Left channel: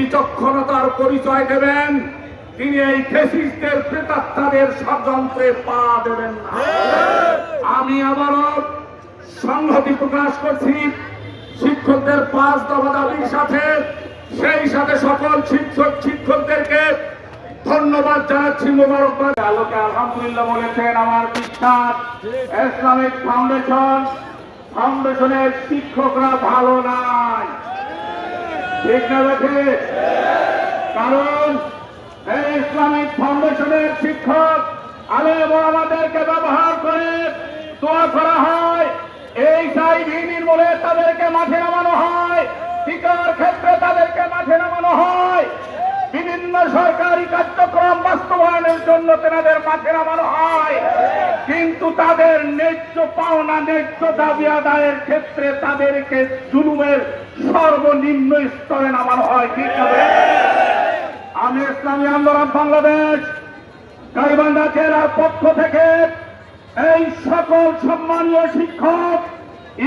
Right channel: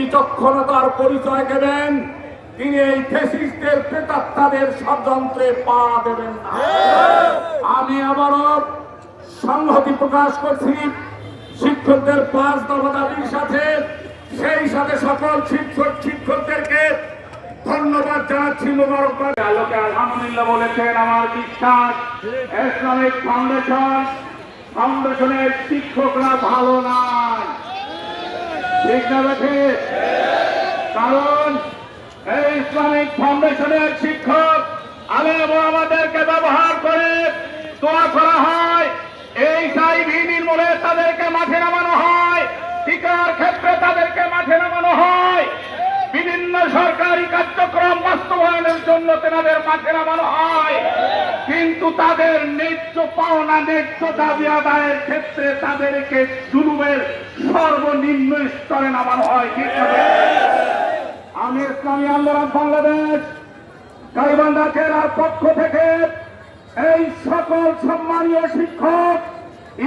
বিচক্ষণতার পরিচয় দেবেন, তিনি এই ফ্যাসিস্টদের প্রেতাত্মাদের ষড়যন্ত্রে পা দেবেন না। আমি আবারও সংহতি প্রকাশ করছি শিক্ষকদের 5 দফা দাবির সাথে, সেই সাথে সকল শিক্ষকদেরকে ধন্যবাদ জানাচ্ছি, মোবারকবাদ। আলোকে আলহামদুলিল্লাহ বলেছেন আমার বিশ্বাস ইসলামিক ফাউন্ডেশনের শিক্ষকরা ভালো নয়, ঠিক না? কারণ এই ইসলামিক ফাউন্ডেশনের শিক্ষক আলেম আমাদেরকে ব্যবহার করে দোয়া করা হয়, এই চাইভি নির্মূলে তাদেরকে মাঠে নামানো হয়, টিকার ক্ষেত্রে তাদেরকে মাঠে নামানো হয়, বিভিন্ন সরকারি কার্যক্রম বাস্তবায়নের জন্য তাদের মাঠে নামানো হয়, কিন্তু তাদের ন্যায্য পাওনা ন্যায্য দাবি আদায়ের ক্ষেত্রে তাদেরকে জুলুমের সর্বনিম্ন স্তরে নামানো হয়, ঠিক হবে। আমি ইসলামী আন্দোলন বাংলাদেশ গাইবান্ধা জেলার পক্ষ থেকে এই সকল সম্মানীয় শিক্ষক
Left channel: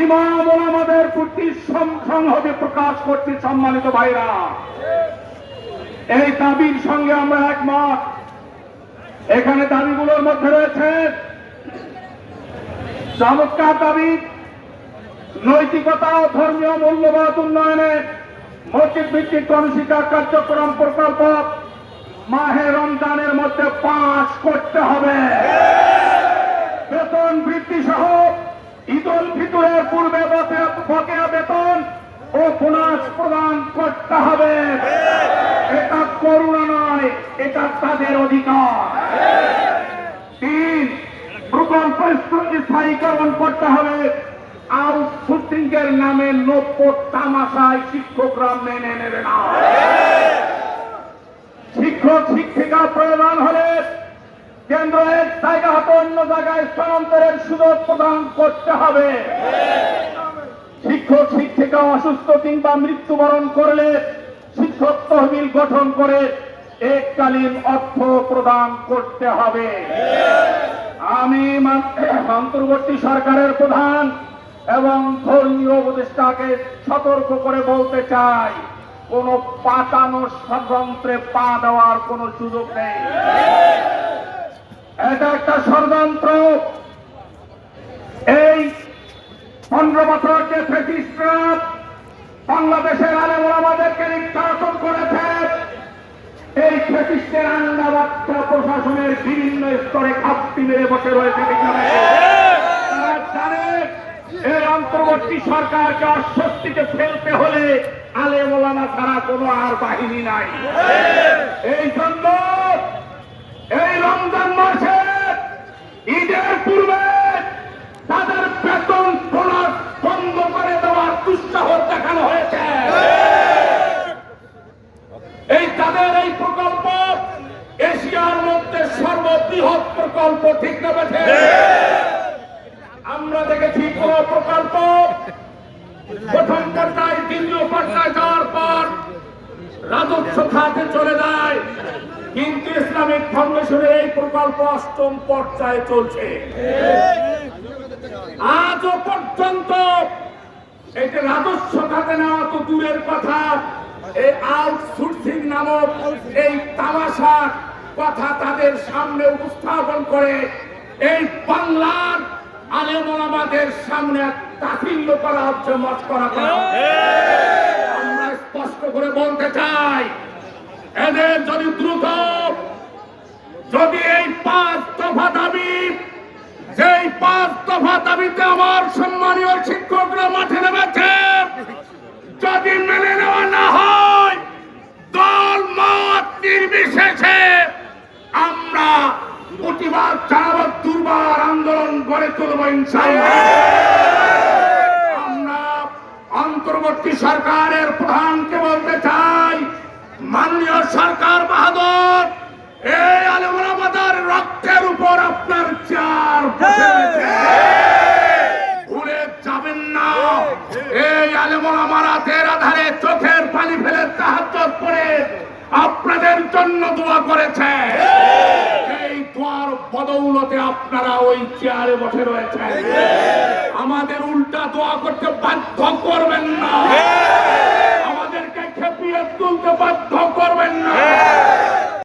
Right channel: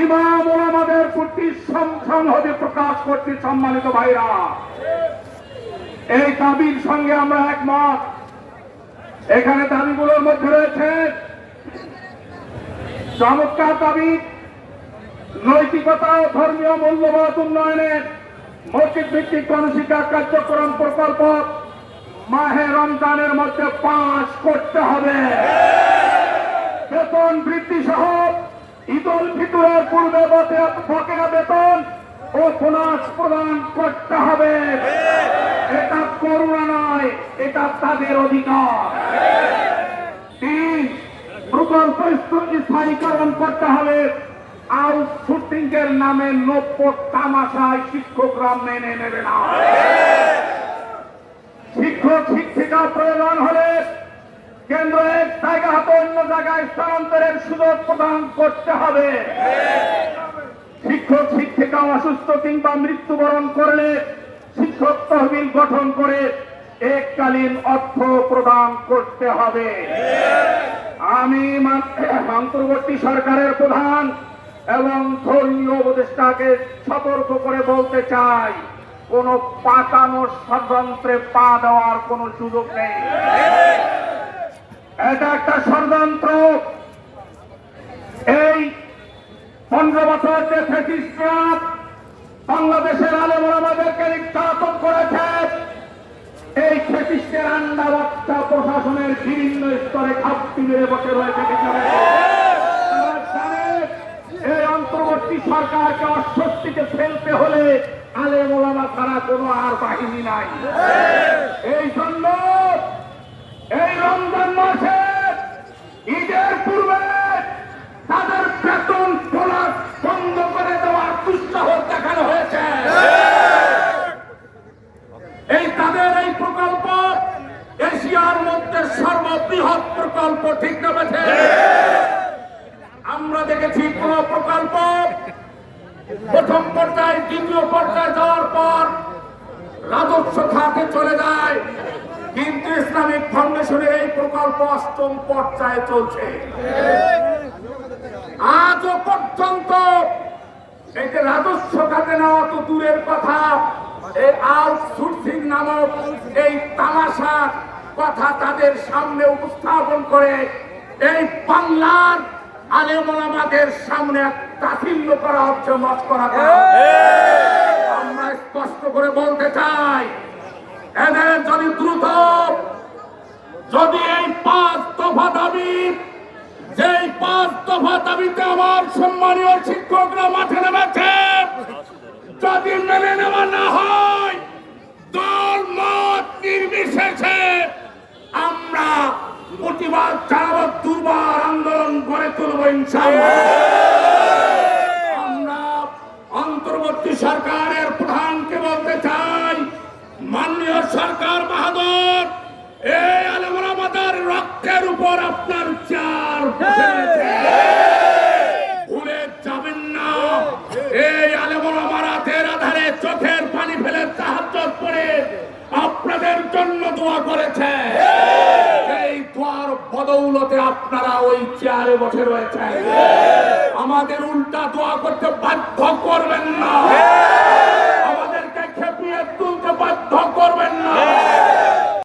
ইমাম ওলামাদের প্রতি সংহতি প্রকাশ করতে, সম্মানিত ভাইরা, এই দাবির সঙ্গে আমরা একমত। এখানে দাবিগুলোর মধ্যে রয়েছে চমৎকার দাবি, নৈতিকতা ও ধর্মীয় মূল্যবোধ উন্নয়নের মসজিদ ভিত্তিক গণশিক্ষা কার্যক্রম প্রকল্প মাহে রমজানের মধ্যে পাস করতে হবে, বেতন বৃদ্ধি সহ ঈদ উল ফিতরের পূর্বে বকেয়া বেতন ও বোনাস প্রদান করতে হবে। এটা করুণা নয়, এটা তাদের অধিকার। 3, প্রকল্প স্থায়ীকরণ করতে হবে। আউটসোর্সিং এর নামে নব্য তামাশায় শিক্ষকরা মেনে নেবে না। শিক্ষক শিক্ষিকা প্রয়োজন হলে কেন্দ্র এক জায়গা হতে অন্য জায়গায় স্থানান্তরের সুযোগ প্রদান করতে হবে। শিক্ষক শিক্ষিকা অসুস্থ কিংবা মৃত্যুবরণ করলে শিক্ষক তহবিল গঠন করে এককালীন অর্থ প্রদান করতে হবে। আমি অন্তর্বর্তী সরকারের প্রধান এবং ধর্মীয় উপদেষ্টাকে সতর্ক করে বলতে চাই, কোন পাতানো ষড়যন্ত্রে পা দেওয়ার কোন সুযোগ নেই। এটা একটা ষড়যন্ত্র। এই 15 বছর যে ফ্যাসিস্টরা বাংলাদেশের আলেম ওলামাদেরকে নির্যাতন করেছে, এই ফ্যাসিস্টের আন্ডাবাচ্চা প্রশাসনের বিভিন্ন স্তরে খাপটি মেরে বসে রয়েছে। তারা জানে এই অন্তর্বর্তী সরকারকে অস্বস্তিতে ফেলতে হলে আলেম ওলামা ছাড়া কোনো আর বাহিনী নাই। এই জন্য এই রমজান মাসে ঈদের পূর্বে তাদের বেতন বোনাস বন্ধ করে দেওয়ার দুঃসাহস দেখানো হয়েছে। এই তাদের এই প্রকল্প এশিয়ার মধ্যে সর্ববৃহৎ প্রকল্প, ঠিক না বেঠে? আমরা দেখেছি কোন প্রকল্প প্রথম পর্যায়ে দ্বিতীয় পর্যায়ে যাওয়ার পর রাজস্ব খাতে চলে যায়, কিন্তু ইসলামিক ফাউন্ডেশনের এই প্রকল্প 8ম পর্যায়ে চলছে। আজও পর্যন্ত এই যে রাজস্ব খাতে নেওয়া তো দূরের কথা, এই আউটসোর্সিং নামক এই তামাশা কথা তাদের সামনে উপস্থাপন করে এই বাংলার আলেম ওলামাদের সামনে তাচ্ছিল্য করা হচ্ছে, মস্করা করা। আমরা স্পষ্ট করে বলতে চাই, এদের যদি দ্রুত এই 5 দফা দাবি, যেই 5 দফা দাবিতে আমার সম্মানীয় শিক্ষকরা মাঠে নেমেছে, যদি মেনে নেওয়া না হয়, দল মত নির্বিশেষে আমরা প্রতিবাদ জানাবো, দুর্বার আন্দোলন গড়ে তুলব ইনশাআল্লাহ। আমরা অন্তর্বর্তী সরকারের প্রধানকে বলতে চাই, মাননীয় সরকার বাহাদুর, এই আলেম ওলামাদের রক্তের উপর আপনার চার বসে রয়েছে, ভুলে যাবেন না। এই আলেম ওলামারা রাতের আধারে চোখের পানি ফেলে তাহাজ্জুদ পড়ে আপনাদের জন্য দোয়া করেছে। এই দোয়ার বদৌলতে আপনারা ওই চেয়ারে বসে রয়েছেন। আমাদের উল্টা দোয়া করতে বাধ্য করবেন না, আমাদেরকে খেপিয়ে তুলতে বাধ্য